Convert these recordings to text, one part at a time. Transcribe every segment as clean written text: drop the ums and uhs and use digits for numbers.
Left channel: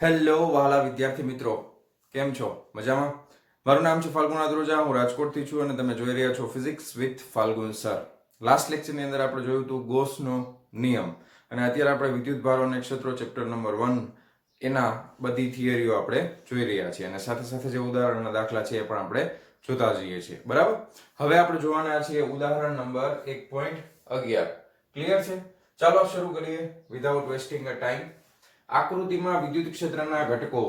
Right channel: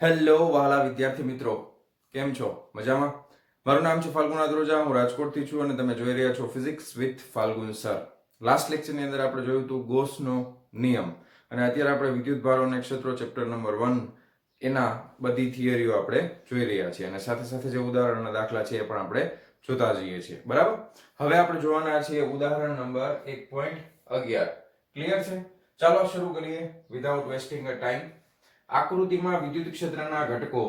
Hello વહાલા વિદ્યાર્થી મિત્રો, કેમ છો? મજામાં? મારું નામ છે ફાલ્ગુન આદ્રોજા, હું રાજકોટથી છું અને તમે જોઈ રહ્યા છો physics with Falgun sir. Last લેક્ચરની અંદર આપણે જોયું હતું ગોસનો નિયમ અને અત્યારે આપણે વિદ્યુત ભારો અને ક્ષેત્રો ચેપ્ટર નંબર 1 એના બધી થિયરીઓ આપણે જોઈ રહ્યા છીએ અને સાથે સાથે જે ઉદાહરણના દાખલા છે એ પણ આપણે જોતા જઈએ છીએ. બરાબર? હવે આપણે જોવાના છીએ ઉદાહરણ નંબર 1.11. ક્લિયર છે? ચાલો શરૂ કરીએ વિધાઉટ વેસ્ટિંગ અ ટાઈમ. આકૃતિમાં વિદ્યુત ક્ષેત્રના ઘટકો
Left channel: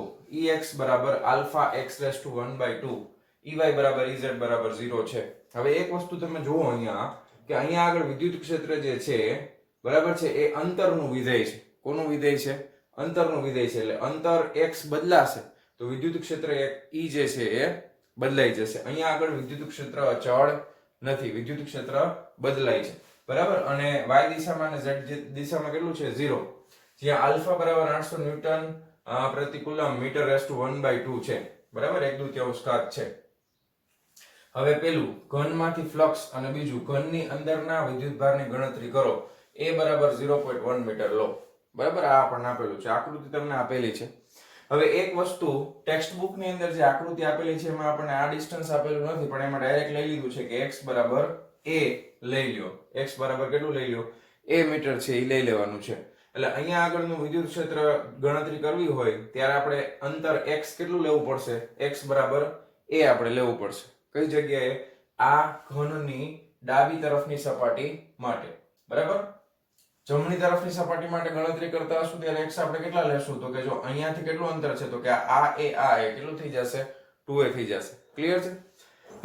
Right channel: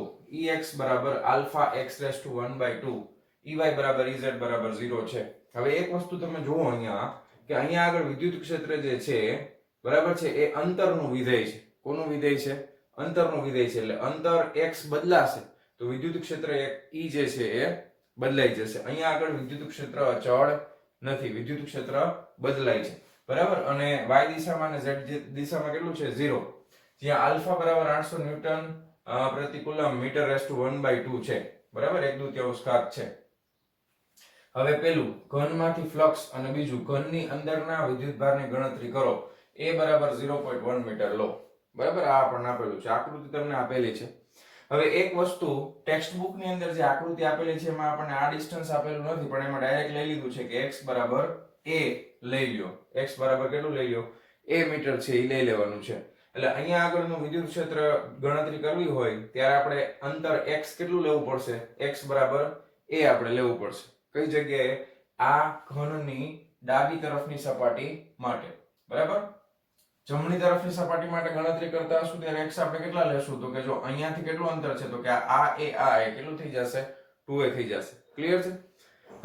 Ex બરાબર alpha x raise to 1/2, Ey બરાબર Ez બરાબર 0 છે. હવે એક વસ્તુ તમે જુઓ અહીંયા કે અહીંયા આગળ વિદ્યુત ક્ષેત્ર જે છે બરાબર છે એ અંતરનું વિધેય છે. કોનું વિધેય છે? અંતરનું વિધેય છે. એટલે અંતર x બદલાશે તો વિદ્યુત ક્ષેત્ર E જે છે એ બદલાઈ જશે. અહીંયા આગળ વિદ્યુત ક્ષેત્ર અચળ નથી, વિદ્યુત ક્ષેત્ર બદલાય છે. બરાબર? અને y દિશામાં અને z દિશામાં કેટલું છે? 0. જ્યાં આલ્ફા બરાબર 800 ન્યૂટન પ્રતિ કુલમ મીટર રેઝ ટુ 1/2 છે. બરાબર? 1/2 ઘાત છે. હવે પેલું ઘનમાંથી ફ્લક્સ અને બીજું ઘનની અંદરના વિદ્યુતભારની ગણતરી કરો. A બરાબર 0.1 મીટર લો. બરાબર? આ આપણને આપેલું છે. આકૃતિ તમને આપેલી છે. હવે એક વસ્તુ ટેક્સ્ટ બુક ની અંદર જે આકૃતિ આપેલી છે એમાં આપણને આ ડિસ્ટન્સ આપેલું નથી, પણ એમાં ડાયરેક્ટ લઈ લીધું છે કે x બરાબર a લઈ લ્યો. x બરાબર કેટલું લઈ લ્યો? a મીટર છે એ લઈ લેવાનું છે. એટલે અહીંયા આગળનું વિદ્યુત ક્ષેત્ર ગણતરી કરવી હોય ત્યારે આપણે અંતર x કેટલું લેવું પડશે? x બરાબર a આપણે લેવું પડશે. કઈ જગ્યાએ? આ ઘનની ડાબી તરફની સપાટી માટે. બરાબર? જમણી તરફની સપાટી માટે ગણતરી કરતા હશું ત્યારે x આપણે કેટલા લેશું? તો કે જો અહીંયાથી કેટલું અંતર છે તો કે આ એ કેટલું થઈ જશે? 2a થઈ જશે. ક્લિયર છે?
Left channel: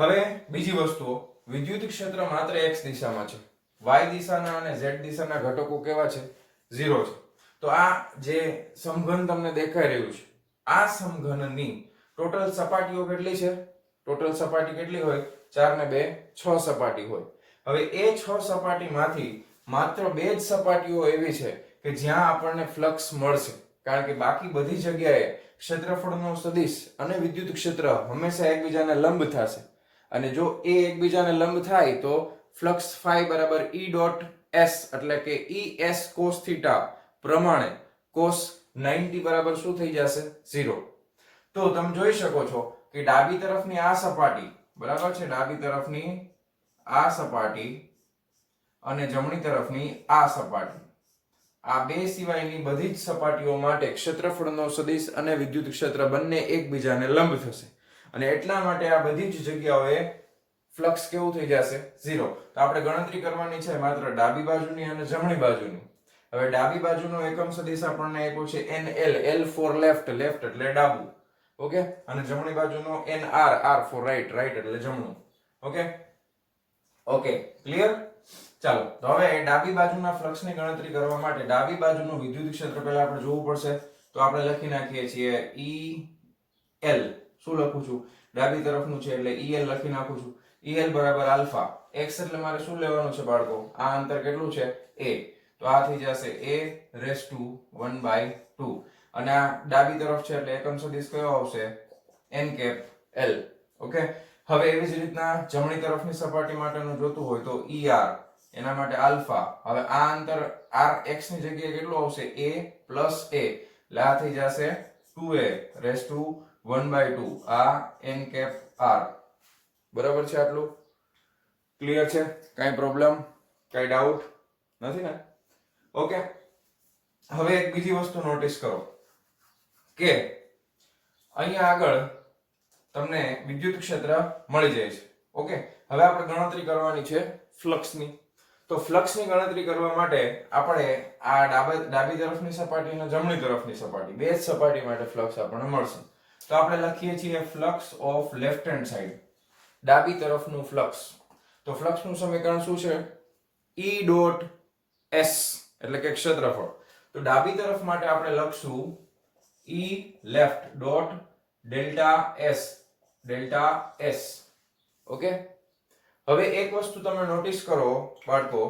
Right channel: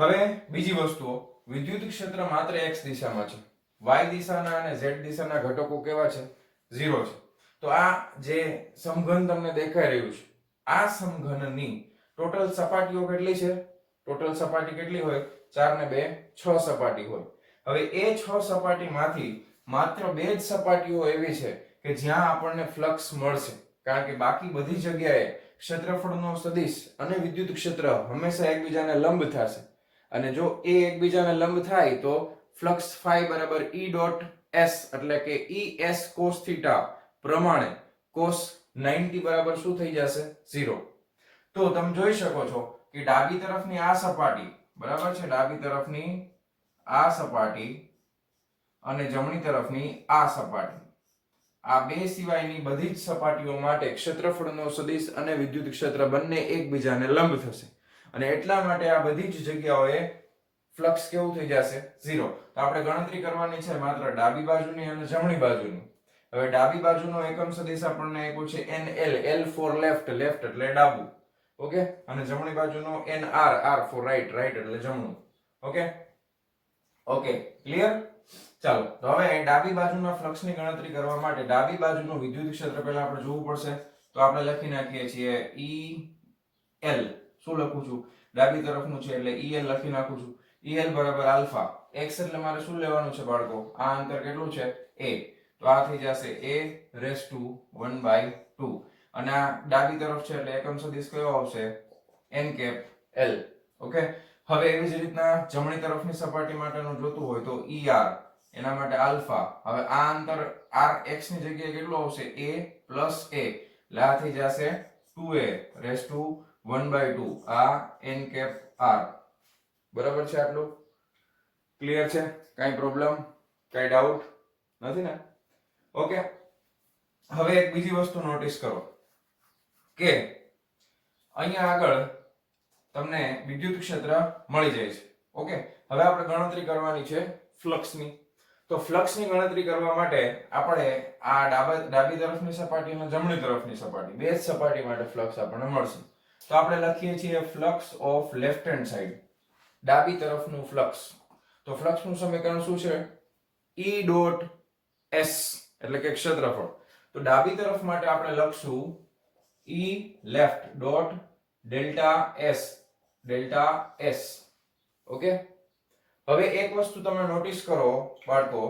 હવે બીજી વસ્તુઓ, વિદ્યુત ક્ષેત્ર માત્ર x દિશામાં છે. y દિશાના અને z દિશાના ઘટકો કેવા છે? 0 છે. તો આ જે સમઘન તમને દેખાઈ રહ્યું છે, આ સમઘનની ટોટલ સપાટીઓ કેટલી છે? ટોટલ સપાટી કેટલી હોય? 4 ને 2 6 સપાટી હોય. હવે એ 6 સપાટીમાંથી માત્ર 2 જ સપાટીઓ એવી છે કે જ્યાં આપણને ફ્લક્સ મળશે, કારણ કે બાકી બધી જગ્યાએ ક્ષેત્રફળનો સદિશ અને વિદ્યુત ક્ષેત્ર હંમેશા એકબીજાને લંબ થશે. અને જો એ એકબીજાને લંબ થાય તો ફ્લક્સ ફાઈ બરાબર E ડોટ s એટલે કે Es cos થીટા પ્રમાણે cos 90 બરાબર શું થઈ જશે? 0. તો તમે જોઈ શકો છો કે ડાબી તરફની આ સપાટી બરાબર છે, ડાબી તરફની આ સપાટી અને જમણી તરફની આ સપાટી, આ બે સિવાયની બધી જ સપાટીઓ માટે ક્ષેત્રફળનો સદિશ અને વિદ્યુત ક્ષેત્ર બંને એકબીજાને લંબ થશે અને એટલા માટે આ બધી જ જગ્યાઓએ ફ્લક્સ કેવું થઈ જશે? 0. તો આપણે ગણતરી કરવાની છે માત્ર ડાબી બાજુની અને જમણી બાજુની. હવે ડાબી બાજુનો એકમ સદિશ આપણને આપ્યો છે NL, L for left, left એટલે ડાબું. ઓકે? અને જમણી બાજુનો NR, R for right, right એટલે જમણું. ઓકે? Okay, clear? ચાલો, તો હવે ડાબી બાજુના ફ્લક્સની ગણતરી કરવા માટે ડાબી બાજુનું વિદ્યુત ક્ષેત્ર પહેલા આપણે જોવું પડશે. તો આપણે લખી નાખીએ છીએ EL. શું લખું છું? ડાબી તરફનું છે એટલે EL લખી નાખું છું. EL બરાબર આલ્ફા. x એટલે મારે શું લેવાનું છે બાળકો? આ અંતર કેટલું છે? a. તો આ થઈ જશે a રેઝ ટુ 1/2 અને આ ડાબી તરફ છે એટલે એકમ સદિશ કયો આવશે? n cap l. ઓકે? હવે એવી જ રીતના જમણી તરફની સપાટી માટેનું જોતું હોય તો ER, એના માટે આલ્ફા. હવે આ અંતર rx ની જગ્યાએ કેટલું આવશે? a plus a. એટલે આ થઈ જશે 2a રેઝ ટુ 1/2. આ n કેપ r. બરાબર છે આટલું? ક્લિયર છે? કાઈ પ્રોબ્લેમ? કાઈ ડાઉટ નથી ને? ઓકે? હવે એક બીજી વસ્તુ નોટિસ કરો કે અહીંયા આગળ તમને વિદ્યુત ક્ષેત્ર મળી જાય છે. ઓકે? હવે આપણે ગણતરી કરવાની છે ફ્લક્સની. તો ફ્લક્સની ગણતરી કરવા માટે આપણે આ ડાબી તરફની સપાટી અને જમણી તરફની સપાટી બે જ સપાટી માટે ફ્લક્સ આપણને મળશે. તો આપણે લખીએ છીએ flux of left hand side, ડાબી તરફનું ફ્લક્સ. તો ફ્લક્સનું સમીકરણ શું છે? E ડોટ s એટલે કે ક્ષેત્રફળ. તો ડાબી તરફ માટે આપણે લખશું E left dot delta s. Okay? હવે એક વસ્તુ તમે નોટિસ કરો બાળકો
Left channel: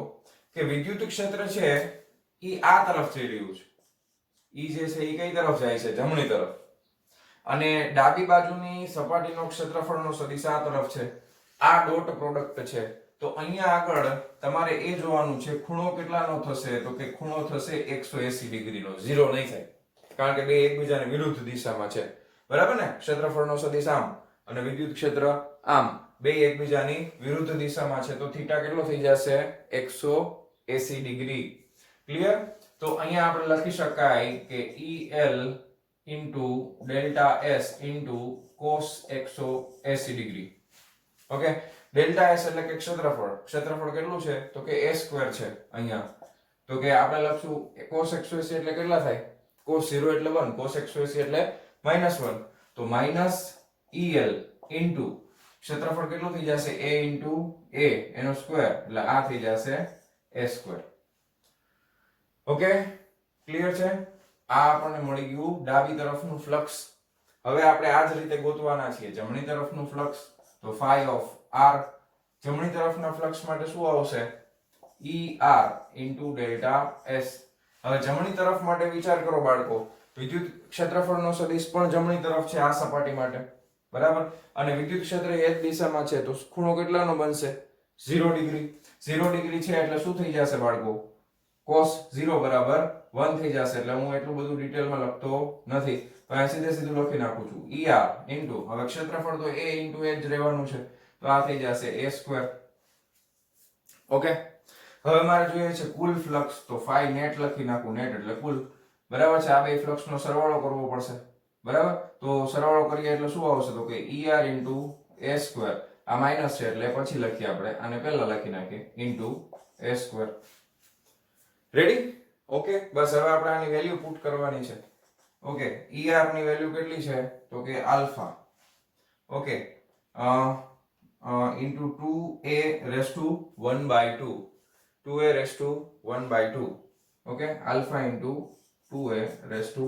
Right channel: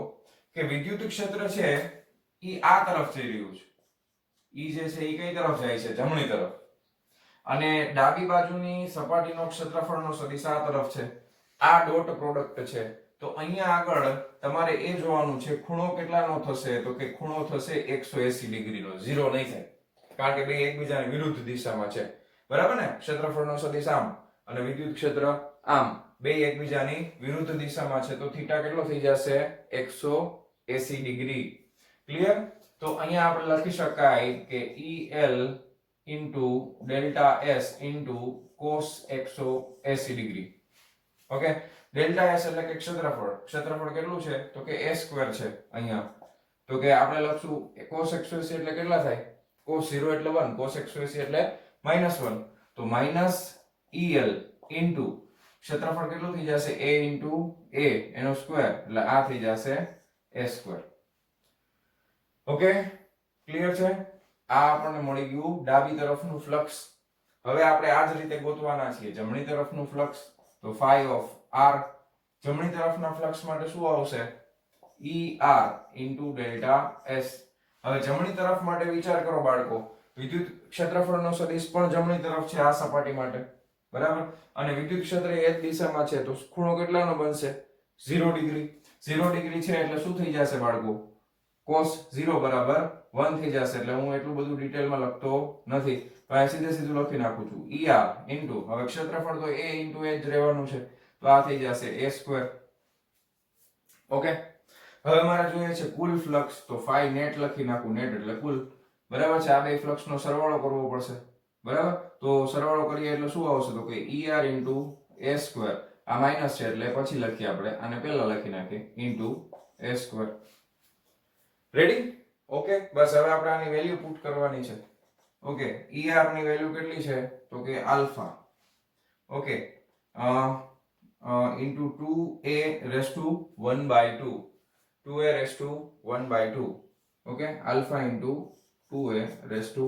કે વિદ્યુત ક્ષેત્ર છે એ આ તરફ જઈ રહ્યું છે. E જે છે એ કઈ તરફ જાય છે? જમણી તરફ. અને ડાબી બાજુની સપાટીનો ક્ષેત્રફળનો સદિશ આ તરફ છે. આ ડોટ પ્રોડક્ટ છે. તો અહીંયા આગળ તમારે એ જોવાનું છે ખૂણો કેટલાનો થશે? તો કે ખૂણો થશે 180 ડિગ્રીનો, 0 નહીં થાય. કારણ કે બે એકબીજાની વિરુદ્ધ દિશામાં છે, બરાબર ને? ક્ષેત્રફળનો સદિશ આમ અને વિદ્યુત ક્ષેત્ર આમ, બે એકબીજાની વિરુદ્ધ દિશામાં છે, તો થીટા કેટલો થઈ જશે? 180 ડિગ્રી. ક્લિયર? તો અહીંયા આપણે લખી શકાય કે EL into delta S into cos 180 degree. Okay, delta S એટલે કે ક્ષેત્રફળ. ક્ષેત્રફળ કેટલું છે? તો કે a સ્ક્વેર છે અહીંયા. તો કે આપણે લખશું cos 180 એટલે કેટલા થાય? cos 0 એટલે 1, cos 180 એટલે -1. તો માઈનસ EL ઇન્ટુ ક્ષેત્રફળ કેટલું થઈ જશે? a ઇન્ટુ a એનો સ્ક્વેર એટલે આ થઈ જશે a સ્ક્વેર. ઓકે, ક્લિયર છે? આ આપણને મળી ગયું ડાબી તરફનું ફ્લક્સ. હવે આપણે આ જ રીતે ગોતવાના છીએ જમણી તરફનું ફ્લક્સ. તો phi of r જમણી તરફના ફ્લક્સ માટે શું આવશે? ER into delta S. હવે જમણી તરફ માટે વિચાર કરો બાળકો, વિદ્યુત ક્ષેત્રફળનો સદિશ પણ જમણી તરફ છે આ સપાટી માટે, બરાબર? અને વિદ્યુત ક્ષેત્ર એ જ દિશામાં છે, તો ખૂણો કેટલાનો બનશે? 0 ડિગ્રી. 0 ડિગ્રી છે એટલે શું થઈ જશે બાળકો? cos 0 બરાબર 1 થઈ જશે. એટલે હું એટલું બધું ડિટેલમાં લખતો નથી, તો આ સીધું લખી નાખું છું ER ઇન્ટુ, હવે ક્ષેત્રફળ તો a ઇન્ટુ a જ રહેવાનું છે, તો આ થઈ જશે a સ્ક્વેર. ઓકે, હવે મારે જોઈએ છે કુલ ફ્લક્સ, તો phi નેટ લખી નાખું, નેટ એટલે કુલ, બરાબર છે? આ બે ફ્લક્સ નો સરવાળો કરવો પડશે, બરાબર? તો સરવાળો કરીએ એટલે શું આવશે? તો કે ER ઇન્ટુ a સ્ક્વેર, આ માઈનસ છે એટલે પછી લખીએ આપણે, આને પહેલા લખી નાખીએ into a square. Ready? Okay, બસ હવે આપણે આની વેલ્યુ પુટ કરવાની છે. ઓકે, ER ની વેલ્યુ કેટલી છે? તો કે alpha. Okay, into 2a raise to 1/2, 2a raise to 1/2. Okay, alpha into 2a raise to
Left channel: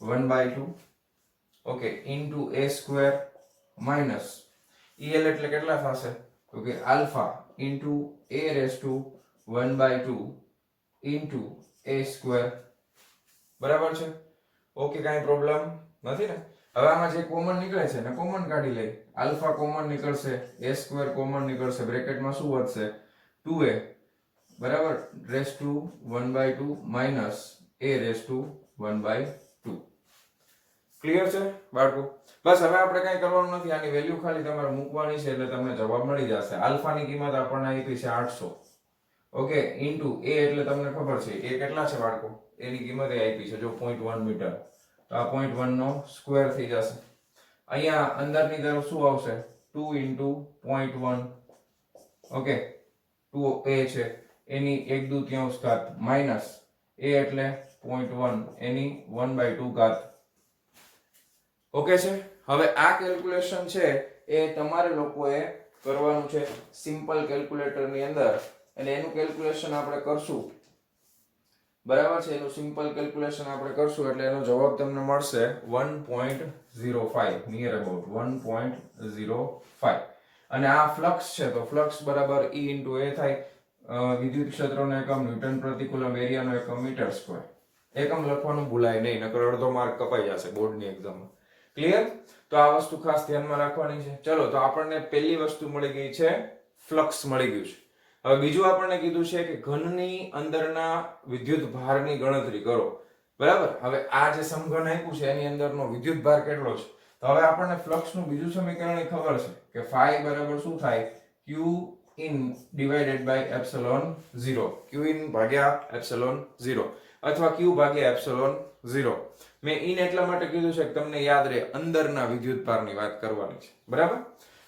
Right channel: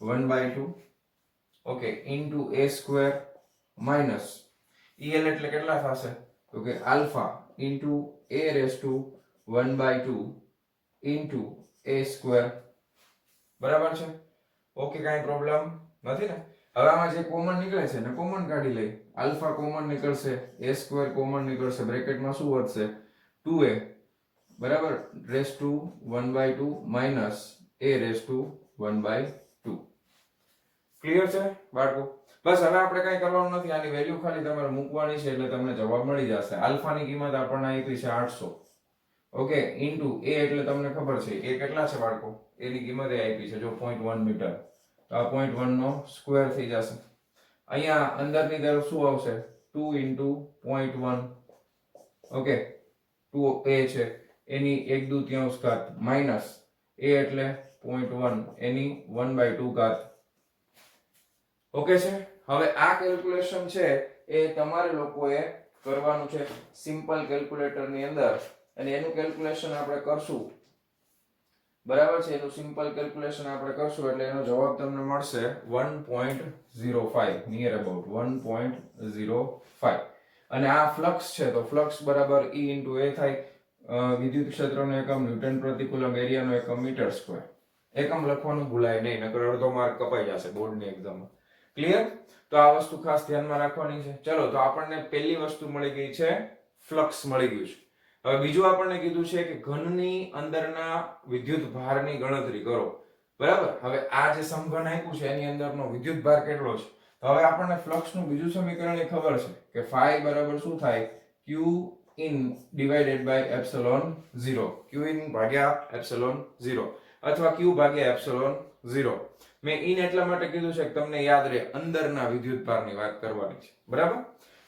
1/2. Okay, into a square minus EL એટલે કેટલા થશે? તો કે alpha into a raise to 1/2 into a square. બરાબર છે? ઓકે, કાંઈ પ્રોબ્લેમ નથી ને? હવે આમાં જે કોમન નીકળે છે ને કોમન કાઢી લઈએ. આલ્ફા કોમન નીકળશે, a સ્ક્વેર કોમન નીકળશે, બ્રેકેટમાં શું વધશે? 2a બરાબર raise to 1/2 minus a raise to 1/2. Clear છે બાળકો? બસ હવે આપણે કઈ કરવાનું નથી, આની વેલ્યુ ખાલી તમારે મૂકવાની છે એટલે તમને જવાબ મળી જશે. આલ્ફાની કિંમત આપણને આપી છે 800. ઓકે, ઇન્ટુ a એટલે તમને ખબર છે a કેટલા છે બાળકો? a ની કિંમત એ આપી છે જો 0.1 મીટર, તો આ 0.1 નો સ્ક્વેર થઈ જશે. અહીંયા અંદરની તરફ શું આવશે? 2 ઇન્ટુ 0.1. ઓકે, 2a છે એની 1/2 ઘાત માઇનસ a એટલે 0.1 એની 1/2 ઘાત. ઓકે છે? હવે આ કેલ્ક્યુલેશન છે એ તમારે લોકોએ કરવાનું છે સિમ્પલ કેલ્ક્યુલેટર ની અંદર, અને એનું કેલ્ક્યુલેશન આપણે કરશું, બરાબર છે? એનું સિમ્પલ કેલ્ક્યુલેશન આપણે કરશું એટલે એનો જવાબ તમને મળશે 1.05, નિયર અબાઉટ 1.05. અને આ ફ્લક્સ છે તો ફ્લક્સ બરાબર E ઇન્ટુ A થાય. વિદ્યુત ક્ષેત્રનો એકમ ન્યૂટન પ્રતિ કુલમ, એરિયાનો એકમ મીટર સ્ક્વેર. એકમ લખવાનું ભૂલાય નહીં, નકર અડધો માર્ક કપાઈ જશે બોર્ડની એક્ઝામમાં. ક્લિયર? તો આ વસ્તુ ખાસ ધ્યાનમાં રાખવાની છે. ચલો, તો આપણને પહેલી વસ્તુ મળી ગઈ છે, ફ્લક્સ મળી ગયું છે. હવે બીજું આપણને કીધું છે કે ઘનની અંદરના વિદ્યુત ભારની ગણતરી કરો, બરાબર? હવે આ જે સમઘન આપ્યું છે એની અંદરનો વિદ્યુત ભાર કેટલો છે? તો હવે આપણને ફ્લક્સનું બીજું સમીકરણ એ ખબર છે કે phi બરાબર શું થાય? q in divided by epsilon 0, q in ભાગ્યા epsilon 0 અથવા q ભાગ્યા epsilon 0. મેં ઇન એટલા માટે કીધું છે કે તમને યાદ રહે અંદરના વિદ્યુત ભારની વાત કરવાની છે, બરાબર?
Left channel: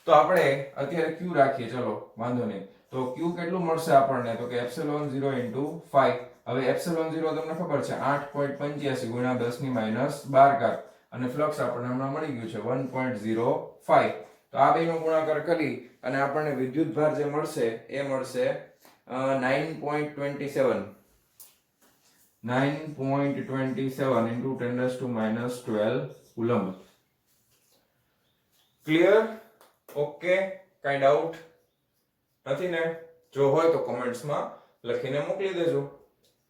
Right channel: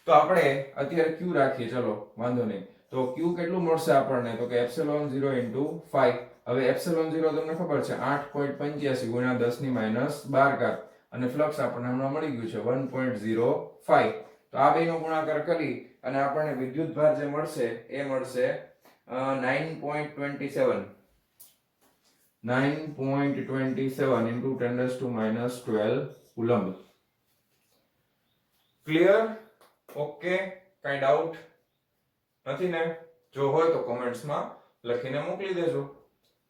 તો આપણે અત્યારે q રાખીએ, ચલો વાંધો નહીં. તો q કેટલું મળશે આપણને? તો કે epsilon 0 into 5. હવે epsilon 0 તમને ખબર છે 8.85 ગુણ્યા 10 ની માઈનસ 12 ઘાત, અને ફ્લક્સ આપણને હમણાં મળી ગયું છે 1.05. તો આ બેનો ગુણાકાર કરી અને આપણને વિદ્યુત ભાર જે મળશે એ મળશે 9.27 into 10⁻12 કુલમ્બ. ક્લિયર? ઓકે, કાઈ ડાઉટ નથી ને? જો હોય તો કોમેન્ટ્સમાં લખીને મોકલી દેજો.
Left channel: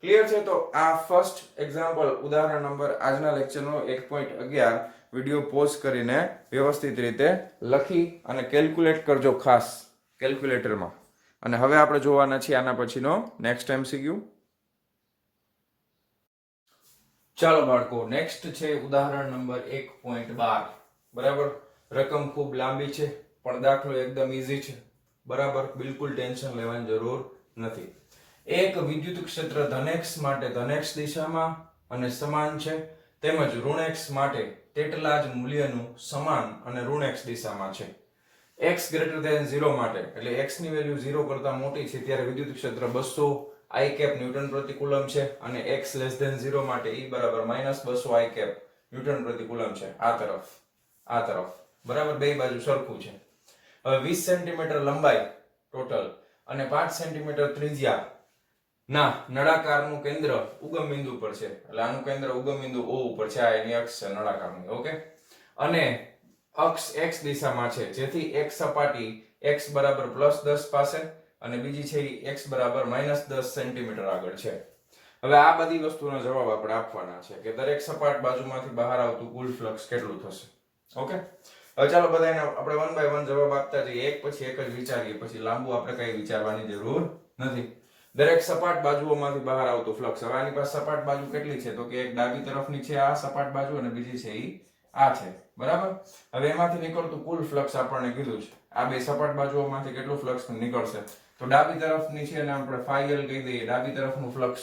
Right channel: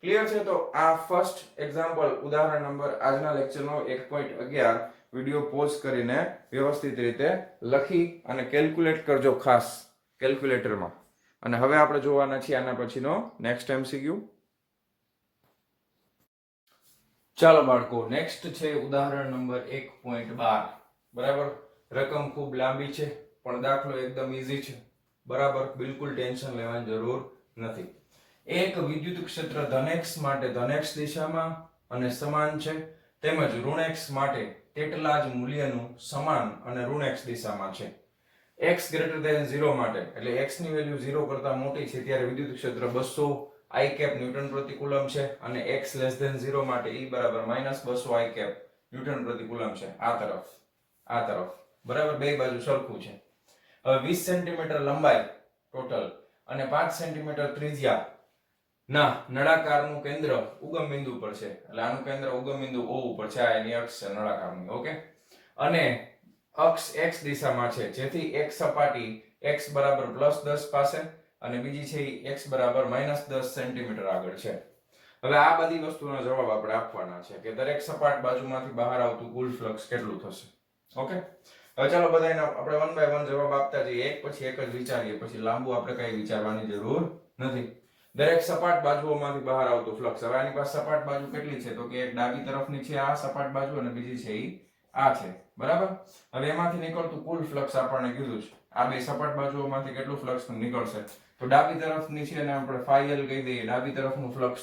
ક્લિયર છે? તો આ ફર્સ્ટ એક્ઝામ્પલ ઉદાહરણ નંબર આજના લેક્ચરનો 1.11 વિડિયો પોઝ કરીને વ્યવસ્થિત રીતે લખી અને કેલ્ક્યુલેટ કરજો ખાસ કેલ્ક્યુલેટરમાં. અને હવે આપણે જોવાના છીએ આના પછીનો નેક્સ્ટ MCQ. ચાલો બાળકો, નેક્સ્ટ છે ઉદાહરણ નંબર 1.12. બરાબર, રકમ ખૂબ લાંબી છે પણ દાખલો એકદમ ઈઝી છે. બરાબર, બિલકુલ ટેન્શન લેવાની જરૂર નથી. એક વિદ્યુત ક્ષેત્ર ધન x માટે ધન x દિશામાં અને સમાન છે, તેમજ ઋણ x માટે તેટલા જ મૂલ્યનું સમાન અને ઋણ x દિશામાં છે. x ગ્રેટર ધેન 0 માટે, એટલે x ની વેલ્યુ 0 કરતા મોટી છે ત્યારે વિદ્યુત ક્ષેત્ર 200 I કેપ ન્યૂટન પ્રતિ કુલમ છે, અને x લેસ ધેન 0 માટે E બરાબર -200 I કેપ ન્યૂટન પ્રતિ કુલમ છે. આ તરફ બરાબર, બે બાજુ સરખું છે. હવે 20 સેન્ટીમીટર લંબાઈ ટોટલ અને 5 સેન્ટીમીટર ત્રિજ્યા ના નળાકારનું કેન્દ્ર ઉગમ બિંદુ પર છે, એટલે આનું કેન્દ્ર ઉગમ બિંદુ O ઉપર છે. આ એની અક્ષ છે નળાકારની. ઓકે, અને અક્ષ x દિશામાં છે, જેથી એક સપાટી x બરાબર +10 પાસે અને બીજી છે એ x બરાબર -10 સેન્ટીમીટર આગળ છે. હવે આ બધી વસ્તુનો જવાબ આપણે આપવાના છે કે દરેક સપાટ બાજુમાંથી બહાર આવતું કુલ ફ્લક્સ કેટલું થશે. ઓકે, હવે ચાલો બધાને આપણે વન બાય વન જવાબ આપતા જઈએ, એક પછી એક જ વિચારીએ, પછી લાંબુ આપણે કઈ વિચારવાની જરૂર નથી. દરેક સપાટ બાજુઓમાંથી બહાર આવતું ફ્લક્સ. હવે આની પાસે સપાટ બાજુ કેટલી છે, તો કે એક ડાબી તરફની છે આ સપાટ બાજુ અને બીજી છે ઈ આ છે. બરાબર, હવે એમાંથી નીકળતું કુલ ફ્લક્સ આપણને કીધું છે. આ બે સપાટ બાજુઓમાંથી કેટલું ફ્લક્સ નીકળશે, તો ડાબી તરફની છે અને આપણે phi l કહી દઈએ, ડાબી તરફનું ફ્લક્સ.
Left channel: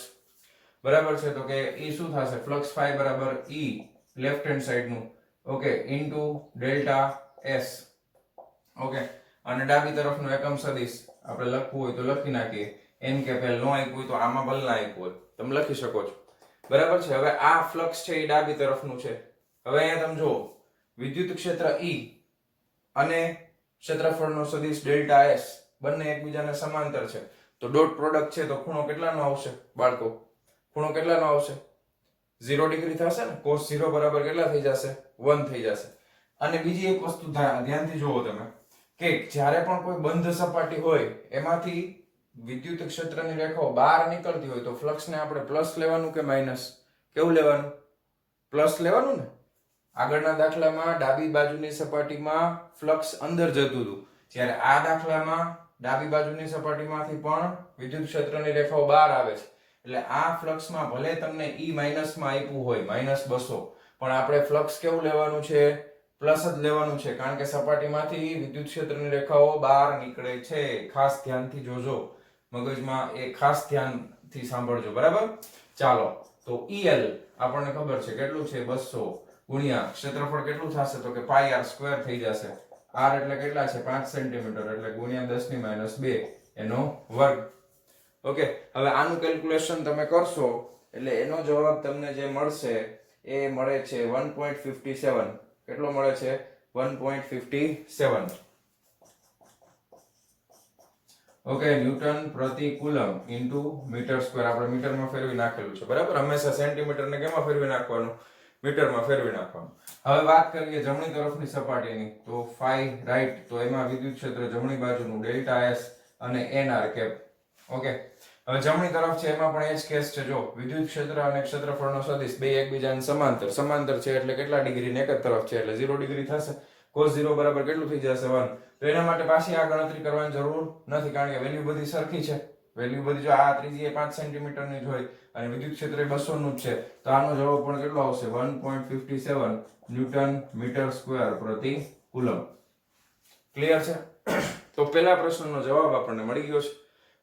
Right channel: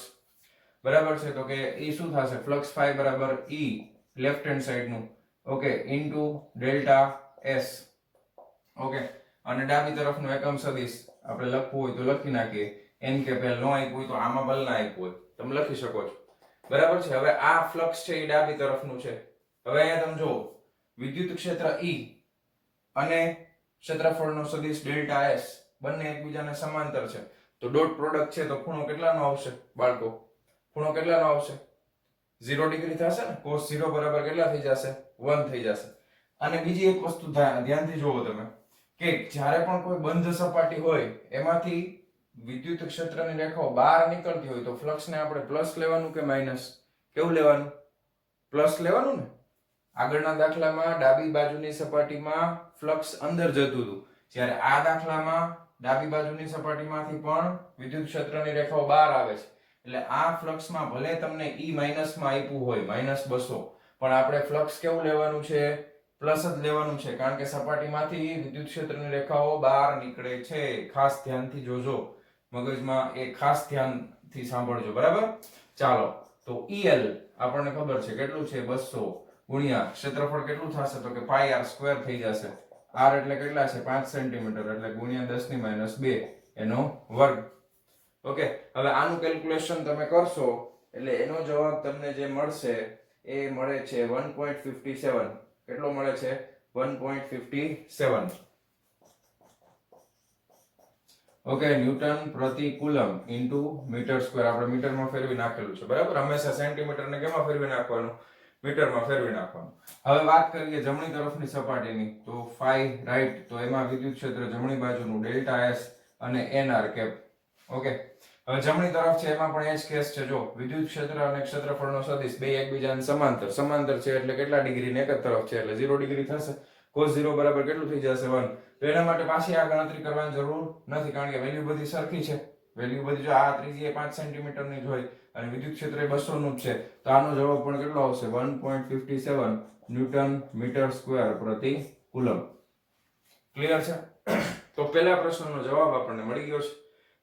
બરાબર છે, તો કે એ શું થશે, ફ્લક્સ phi બરાબર E લેફ્ટ હેન્ડ સાઈડ નું, okay, into delta S. Okay, અને ડાબી તરફનું એકમ સદિશ આપણે લખવું હોય તો લખી નાખીએ. n કે પહેલ નો આપ્યું હોય તો આમાં ભલે ના આપ્યું હોય, તમે લખી શકો છો. બરાબર છે, હવે આ ફ્લક્સ છે એ ડાબી તરફનું છે. હવે અહીંયા તમે જો વિદ્યુત ક્ષેત્ર E અને ક્ષેત્રફળનો સદિશ ડેલ્ટા S બંને એકબીજાને સમાંતર છે, તો ડોટ પ્રોડક્ટ છે, તો ખૂણો કેટલાનો આવશે બાળકો? ખૂણો કેટલાનો આવશે? 0 ડિગ્રી થશે ને. cos 0 બરાબર કેટલા થઈ જશે? 1 થઈ જશે. અને બીજી એક વસ્તુ ધ્યાનથી જોવો તમે કે જ્યારે પણ કોઈ બંધ સપાટી હોય એમાંથી વિદ્યુત ક્ષેત્રની રેખાઓ બહાર નીકળતી હોય તો ફ્લક્સને આપણે પ્લસ લેવાનું કે માઈનસ? કેવું લેવાનું? પ્લસ લેવાનું ને. આગળના દાખલામાં ડાબી બાજુની સપાટીમાં ફ્લક્સ અંદર જતું હતું, જ્યારે આ દાખલામાં ડાબી બાજુની સપાટીમાંથી પણ વિદ્યુત ક્ષેત્રની રેખાઓ બહાર આવે છે. એટલે આ ફ્લક્સમાં ભલે તમને E માઈનસમાં આપ્યું હોય -200, પણ આપણે ફ્લક્સ કેવું લેવાનું છે? પ્લસ જ લેવાનું છે, કારણ કે સપાટીમાંથી વિદ્યુત ક્ષેત્રની રેખાઓ બહાર નીકળે છે. ખાસ ધ્યાનથી જોજો, મગજમાં એ ખાસ ધ્યાનથી સાંભળજો. બરાબર, ચાલો તો EL આપણને ખબર છે કેટલું છે, 200 ગુણ્યા ક્ષેત્રફળ કેટલું થશે, તો કે પાઈ r સ્ક્વેર થઈ જશે. r એટલે કેટલા છે? 5 સેન્ટીમીટર, એટલે ગુણ્યા 10⁻², એનો વર્ગ. ઓકે, હવે આનું કેલ્ક્યુલેશન તમે કરશો એટલે એનો જવાબ તમને જે મળશે એ મળે છે 1.57. કેટલો મળે છે? 1.57. ઓકે, ન્યૂટન પ્રતિ કુલમ ઇન્ટુ મીટર સ્ક્વેર. આપણે મીટરમાં ફેરવી નાખેલું છે. બરાબર, હંમેશા સેન્ટીમીટર ને કેમાં ફેરવી નાખવાનું? મીટરમાં ફેરવી નાખવાનું. હવે વાત કરીએ જમણી તરફની સપાટીની, તો phi રાઈટ, તો એમાં વિદ્યુત ક્ષેત્ર જમણી બાજુનું ડેલ્ટા S અને nr કેપ. ઓકે, હવે જમણી તરફ છે એમાં પણ એ જ કેસ છે. જો વિદ્યુત ક્ષેત્ર અને ક્ષેત્રફળનો સદિશ બે એકબીજાને સમાંતર છે, એટલે કેટલા ડિગ્રી? એક જ તરફ છે, એટલે 0 ડિગ્રી થશે. cos 0 બરાબર કેટલું થઈ જશે? 1. તો એના માટે પાછી આ ગણતરી કરવાની જરૂર નથી, કારણ કે વેલ્યુ બધી સરખી છે. વેલ્યુ બધી જો આ ત્રીજી એ 5 સેન્ટીમીટર ની જ હોય અને વિદ્યુત ક્ષેત્ર એ 200 નું જ છે, તો આનો જવાબ પણ કેટલો આવશે? 1.57 ન્યૂટન મીટર સ્ક્વેર પ્રતિ કુલમ. ક્લિયર છે? તો પહેલા પ્રશ્નનો જવાબ આપણને મળી ગયો છે.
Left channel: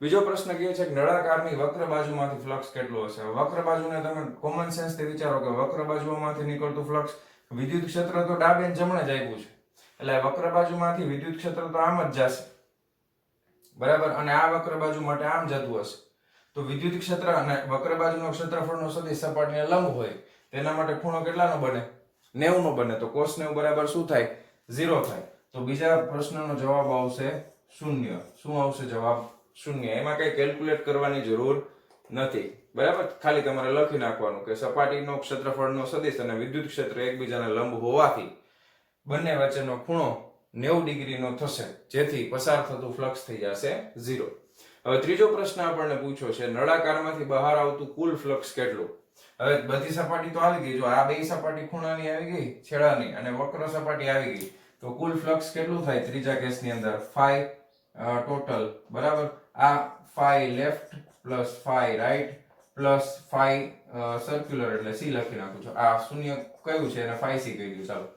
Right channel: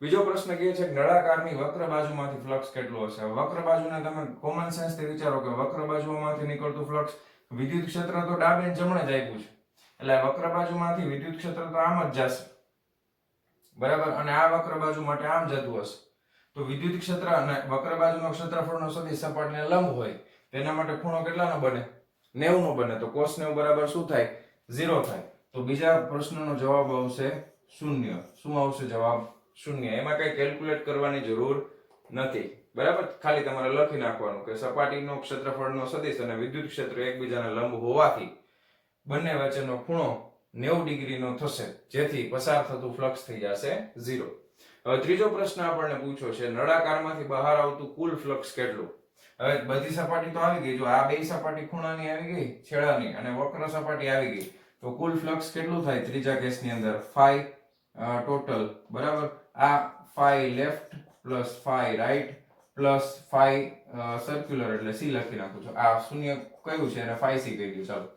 બીજો પ્રશ્ન કહે છે કે નળાકારની વક્ર બાજુમાંથી ફ્લક્સ કેટલું હશે? વક્ર બાજુને તમે કોમન સેન્સ થી વિચારો કે વક્ર બાજુઓમાંથી નીકળતું ફ્લક્સ, વિદ્યુત ક્ષેત્ર તો ડાબે અને જમણે જ આપ્યું છે, એટલે વક્ર બાજુમાંથી વિદ્યુત ક્ષેત્ર તો આમ જ જશે. બરાબર, અને આ વક્ર બાજુ માટે આમ જતું હશે. તો વિદ્યુત ક્ષેત્ર અને વક્ર બાજુનો ક્ષેત્રફળનો સદિશ સપાટીને લંબ હોય, તેના માટે ખૂણો કેટલાનો બને? 90 નો બને. તો cos 90 બરાબર શું થાય? 0 થાય. તો બીજા પ્રશ્નનો જવાબ આવશે 0. શું આવશે જવાબ? 0. એમાં કઈ કેલ્ક્યુલેટ કરવાની જરૂર નથી. બરાબર, ખાલી તમારે લખી નાખવાનું કે સપાટીનો ક્ષેત્રફળનો સદિશ અને વિદ્યુત ક્ષેત્ર એકબીજાને લંબ હોવાથી બંને વચ્ચેનો ખૂણો 90 ડિગ્રીનો થશે, જેથી પસાર થતું ફ્લક્સ થઈ જશે 0. હવે ત્રીજો પ્રશ્ન આપણને પૂછ્યો છે નળાકારમાંથી બહાર આવતું કુલ ફ્લક્સ કેટલું? હવે બધી સપાટી તો આવી ગઈ, જો આ બે સપાટી ખૂણાની આવી ગઈ, છેડાની, અને વક્ર સપાટી આવી ગઈ, તો કુલ ફ્લક્સ કેટલું થાય ત્રીજા કેસની અંદર? phi total. બરાબર, આ phi left plus phi right plus phi circular એટલે સી લખી નાખું છું. આ શૂન્ય કયું છે અને ફાઈ સી કહી ગયું. ચાલો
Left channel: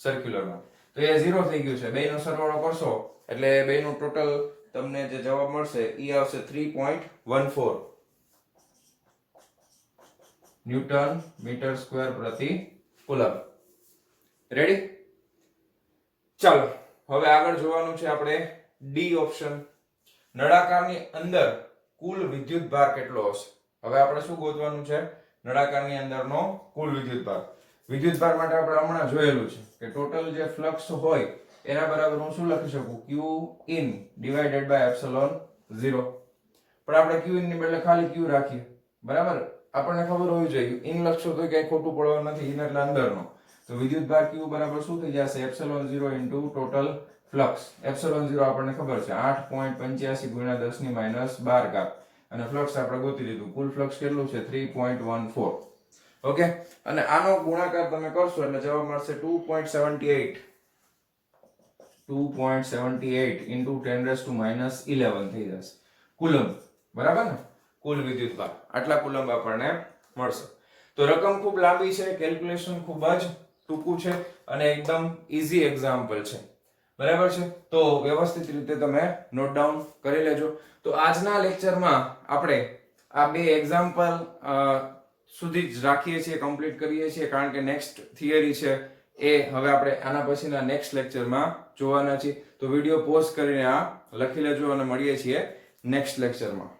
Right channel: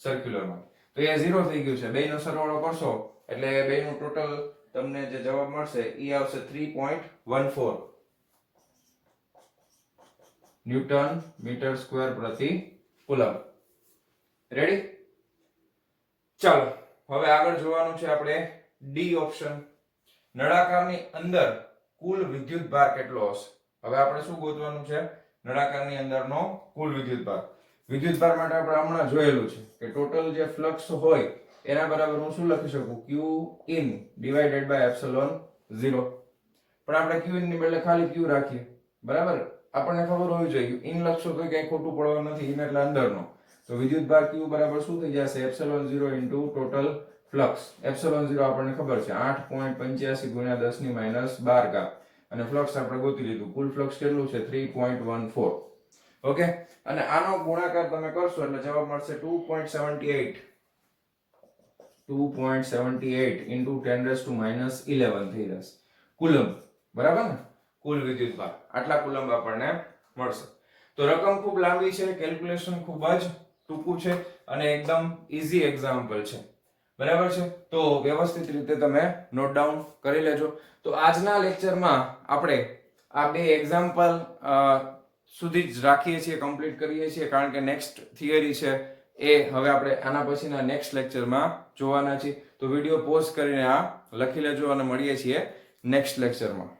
સર્ક્યુલરમાં તો એ 0 થઈ ગયું છે. બેયનો સરવાળો કરશો એટલે બેયનું ટોટલ તમને જે જવાબ મળશે એ આવશે 3.14 ન્યૂટન મીટર સ્ક્વેર પ્રતિ કુલમ. રેડી? ચાલો હવે આગળ જોવાનું છે આપણે ડી ઓપ્શન. નળાકારની અંદર કુલ વિદ્યુત ભાર કેટલો હશે? હવે આપણે શું ગોતવાનું છે? નળાકારની અંદરનો કુલ વિદ્યુત ભાર. વિદ્યુત ભાર માટે આપણે હમણાં જોયેલું છે કે ટોટલ જે ફ્લક્સ હોય એના બરાબર હું શું લખી શકું? q in divided by epsilon 0. પણ આપણે q in ની બદલે ખાલી q રાખીએ. બરાબર? આપણને ખબર હોવી જોઈએ ઇન લખશો તો ક્યાંય ખોટું પડવાનું નથી. ઇન એટલે અંદરનો. તો વિદ્યુત ભાર q બરાબર શું થઈ જશે? epsilon 0 into total flux. epsilon 0 આપણને ખબર છે 8.85 ગુણ્યા 10 ની -12 ઘાત. અને ફ્લક્સ આપણે ગોતી લીધું. કુલ ફ્લક્સ કેટલું છે? 3.14. ઓકે, અને આનો ગુણાકાર તમે કરશો એટલે જવાબ મળશે 2.78 into 10⁻11 થઈ જશે કુલમ. બરાબર ને? કુલ વિદ્યુત ભાર આટલા કુલમ આપણને મળશે. તો રકમ ખૂબ લાંબી છે, કેલ્ક્યુલેશન ખૂબ જ ટૂંકું છે અને એકદમ ઈઝી એક્ઝામ્પલ છે. બરાબર છે? તો વ્યવસ્થિત રીતે તમે નોટ ડાઉન કરી લેજો. તો આજના લેક્ચરમાં આપણે આ બે એક્ઝામ્પલ સુધી જ રાખીએ છીએ, કમ્પ્લીટ કરીએ છીએ, કારણ કે નેક્સ્ટ થિયરી છે એ હવે આપણે આના પછીના નેક્સ્ટ લેક્ચરમાં જોવાના છીએ. તો વિડીયો પોઝ કરીને આ લખી લેજો અને મળીએ છીએ નેક્સ્ટ લેક્ચરમાં.